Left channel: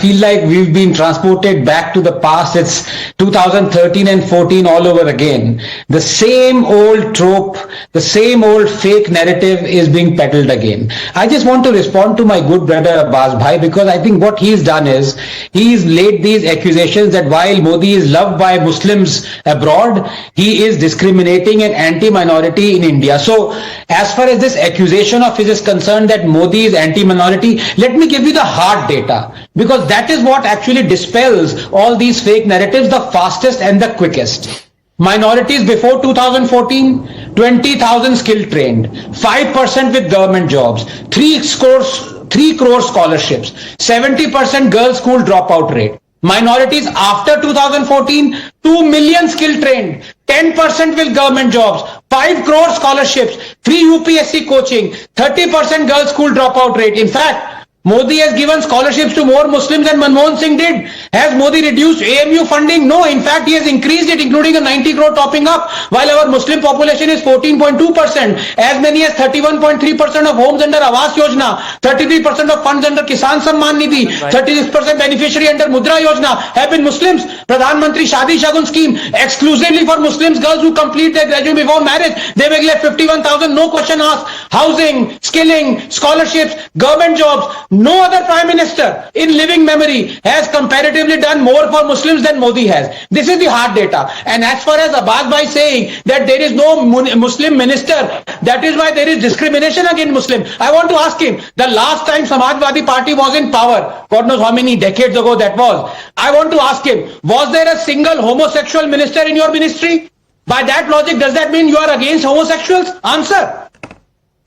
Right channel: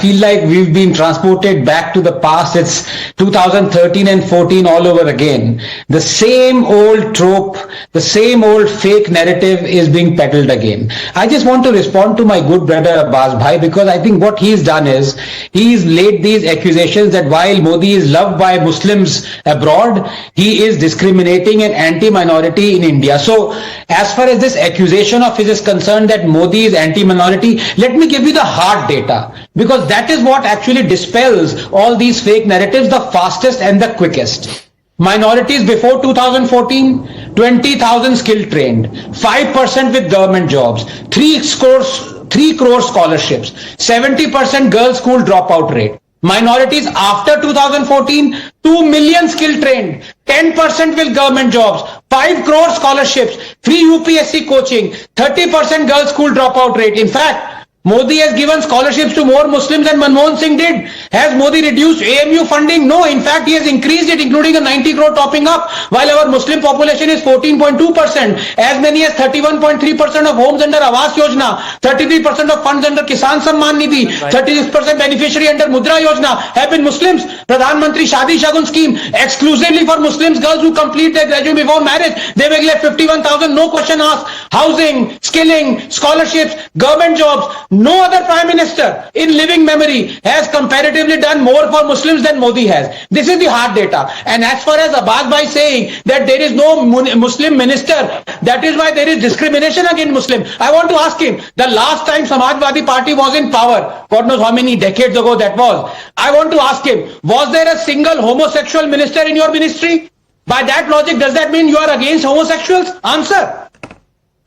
feel like we've been transported back to the past. It's 2013 and 14 all over again. The same old trope, the same old fake narrative is being peddled again. I just want to respond to my good brother Abbas Bhai, because I think what he's done is he's laid these accusations that while Modi is loved by Muslims abroad, he is discriminating and anti-minority in India. So as far as this accusation of his is concerned that Modi is anti-minority, let me give you the hard data, because that is what actually dispels all these fake narratives the fastest and the quickest. Minorities before 2014, 20,000 skill trained, 5% with government jobs, 3 crore scholarships, 70% girls school dropout rate. Minorities after 2014, 2 million skill trained, 10% with government jobs, 5 crore scholarships, 3 UPSC coaching, 30% girls school dropout rate. In fact, Modi has given scholarships to more Muslims than Manmohan Singh did. Has Modi reduced AMU funding? No, in fact, he has increased it, including the 90 crore topping up, while our Muslim population is 14.2%. As many as 31.3% of homes under Awas Yojana, 33% of funds under Kisan Samman Nidhi, 36% beneficiary under Mudra Yojana have been Muslims. Pradhan Mantri Shadi Shagun scheme, exclusively for Muslims girls who complete their graduation before marriage. They will get 51,000, no question asked. Housing, skilling, scholarships, government jobs. No other Prime Minister in living memory has comparatively done more for Muslims than Modi has. This is the hard data. And as far as Abbas Bhai saying that there is no Muslim minister, that is why there is discrimination against Muslims. I want to ask him, the last time Samajwadi Party was in power, God knows how many decades ago that was, I want to ask him, was there a single homosexual minister in your ministry? By that logic, does that mean you are against homosexuals? Answer.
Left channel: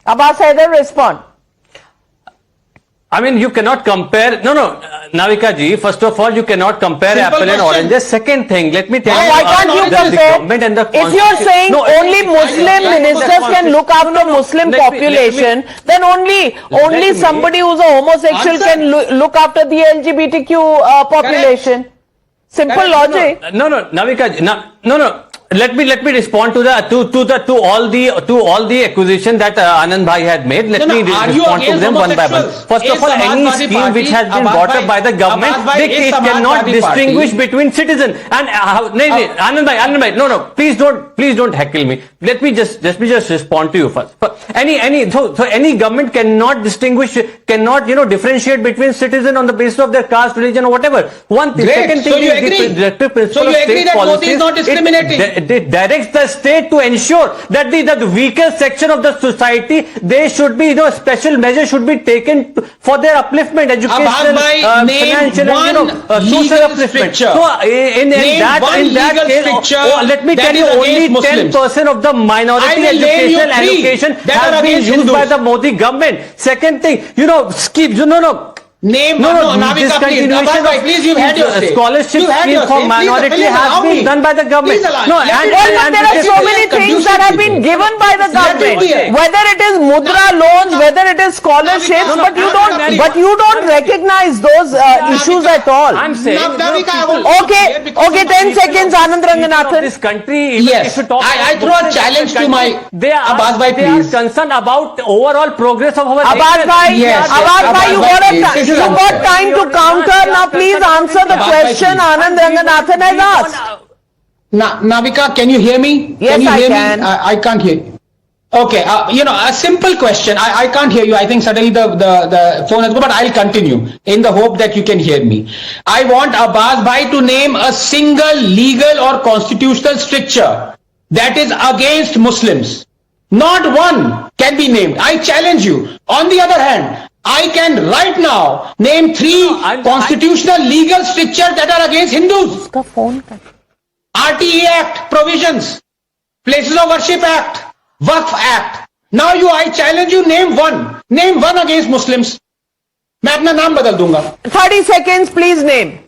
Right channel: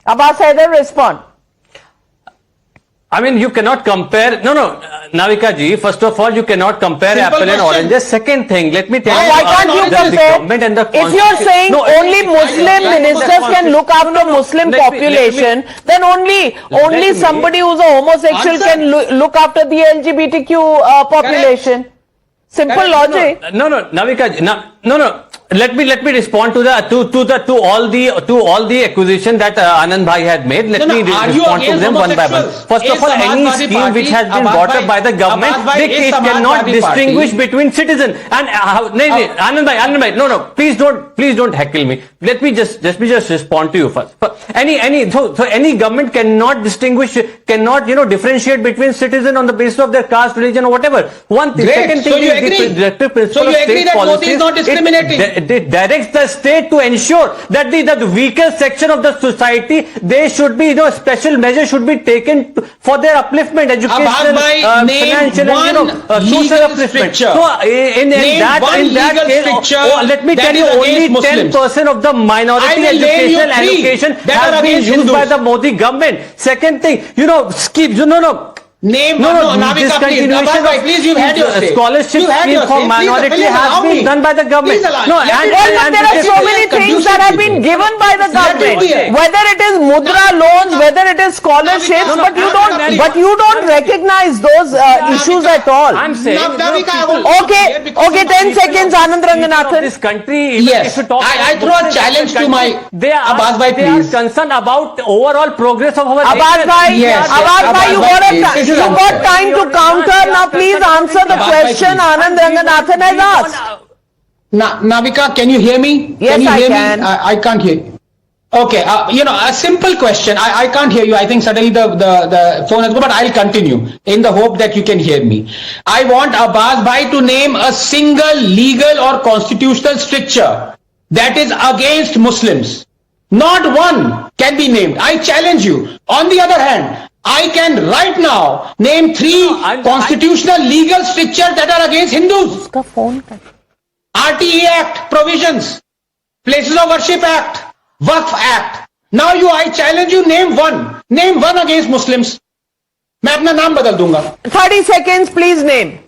Abbas Haider, respond. I mean, you cannot compare. No, Navika ji, first of all, you cannot compare Simple apple and question. oranges. Second thing, let me tell you. Why can't you the government and the If you're saying No, only Muslim ministers can look after Muslim let me- population, then only somebody who's a homosexual Answer. can look after the LGBTQ population. Simple Correct. logic. No, Navika ji, no. Let me respond to all the accusation that Anand Bhai had made. Let me are you respond to against them one by one. homosexuals? First of Is all, any Samajwadi scheme Party- which has been Abbas brought Bhai- up by the government, Abbas Bhai, they is cannot Samajwadi distinguish Party- between citizens. And Anand Bhai, no, please don't heckle me. Let me just respond to you first. So any government cannot differentiate between citizens on the basis of their caste, religion, or whatever. One thing. Great. Second So thing, you the agree? directive principle So you of agree state that Modi policy is not discriminating? it directs the state to ensure that the weaker section of the society, they should be, special measures should be taken for their upliftment, education, Abbas Bhai, name financial, one and social legal upliftment. stricture. So in Name that one case, legal stricture let me that tell is you, only against Muslims. 10% of the I minority will name you educational three allocation that are has been against used by Hindus. the Modi government. Second thing, Name Navika, please. Abbas Bhai, please, you've had your say. scholarship You've had scheme your for say. Please, minority please has allow been me. done by the government. Please allow- No, let and me- Well, but there are so Let many me things that have been given by the government, whether it is mudra loans, whether it is scholarships, but you don't recognize those issues at all. I'm saying, Navika, I will- Okay, 10 seconds, Anand Ranganathan. this country, Yes. if you talk I throw a challenge to my Abbas Bhai, they are please. concerned about overall progress of our Abbas nation. Bhai, Yes, Abbas Bhai, you Abbas Bhai, got time to counter. Now please answer the Abbas Bhai, question please. Anand Ranganathan has asked. Navika, can you hear me? Yes, can you I hear can. me? I can't hear you. Okay, a simple question. I can't hear you. I think suddenly the phone has gone, but I'll continue in the hope that you can hear me. I want Abbas Bhai to name a single legal or constitutional stricture that is against Muslims. Not one can be named. I challenge you. On the other hand, I can right now name 3 constitutional legal strictures that are against Hindus. RTA Act provisions, Places of Worship Act, Waqf Act. Now I challenge you, name one against Muslims. मैं अपना नाम बदल दूंगा. 30 seconds, please name.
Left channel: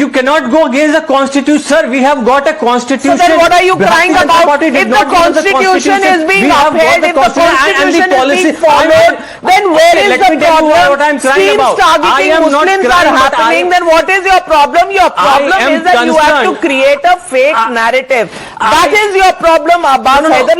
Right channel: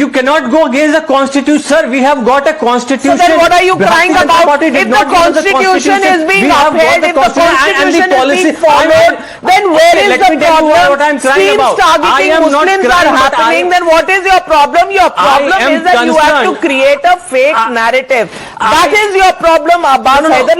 You cannot go against the constitution, sir. We have got a constitution. So then what are you crying about? If If the constitution is being upheld, if the constitution is being followed, then where is the problem? Schemes targeting Muslims are happening, then what is your problem? Your problem is that you have to create a fake narrative. That is your problem, Abbas Haider.